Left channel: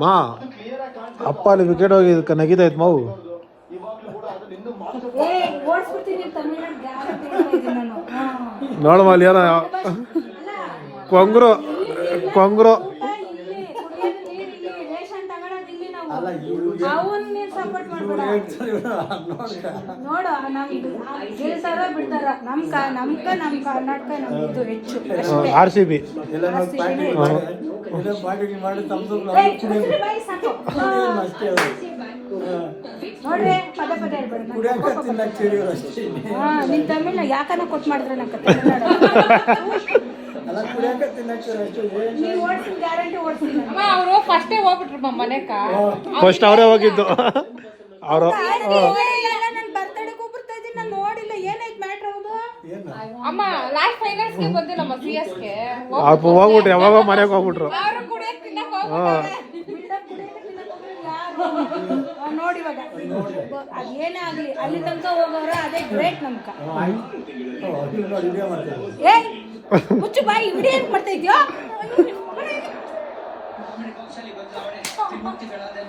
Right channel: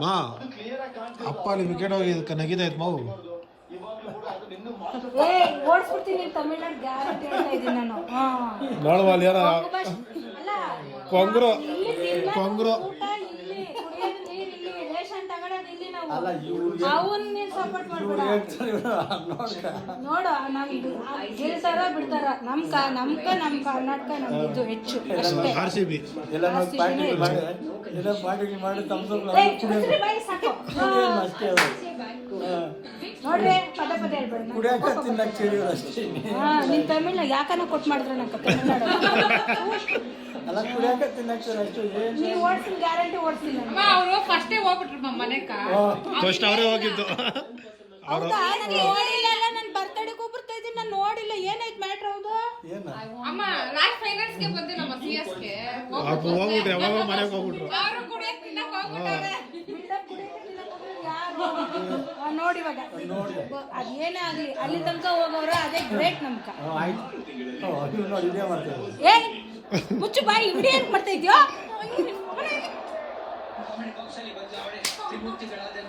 ಮಾ ಅಪ್ಪ ಅಲ್ಲಿ ವಿಕೆಟ್ ಹೋಗಿ ನಗಿತೈತ್ ಮಾವು ನೋಡಮ್ಮ ಅಲ್ಲಿ ಯಾರ ಕೊಂಗ್ರು ಕೊಂಗ್ರು ನೋಡು ಗೆಲ್ತಾರ ಬಿಡ್ತಾರ ನಮ್ ಕರ್ನಾಟಕ ನಮ್ದು ಹೆಚ್ಚು RCB ನೋಡ್ರಿ ಪದೇ ಪದೇ ನಿನ್ ತಮಿಳ್ನ ಯಾಕನ ಕೊಟ್ಟು ಮಾಡಿದ್ರೆ ನಂಗೆ ತಮಿಳ್ನಾಡು ನೀವು ಓಡಿಸಿ ಗ್ಯಾರಂಟಿ ಓಡಿಸ್ತೀನಿ ಅವರು ಫಸ್ಟೇ ಹೋಗ್ಬಿಟ್ರು ಮನೆಕ ಫಸ್ಟ್ ಅವರೇ ಹೋಗಿದ್ದು ಅವರು ನನ್ನ ಬರ್ತಡೆಗೆ ಬರ್ತಾ ಇದ್ದೀನಿ ನಾನು ನೋಡಿಲ್ಲ ಏನಾಯ್ತು ಮ್ಯಾಟ್ರ್ ಹೌದು ಅಮ್ಮ ಲಾಸ್ಟ್ ಫೈನಲ್ಸ್ಗೆ ಬಂದಿಲ್ಲಮ್ಮ CSಗೆ ಹೋಗ್ಬಿಟ್ರು ಯಾವಾಗ ಮನೆಗೆ ಹೋಗ್ಬಿಟ್ರು ನೋಡಿ ಇವಾಗ ಅದೇನೇ ಆಗ್ಲಿ ಅಲ್ಲಿ ತನಕ ಹೋಗೋರು ಅದೇ ಗ್ರೇಟ್ ನಮ್ಕ ಏ ಮುಚ್ಚು ಬಾಯಿ ವಿಡಿಯೋ ಏನ್ ಮಾಡ್ತಾ ಇದ್ಯೋ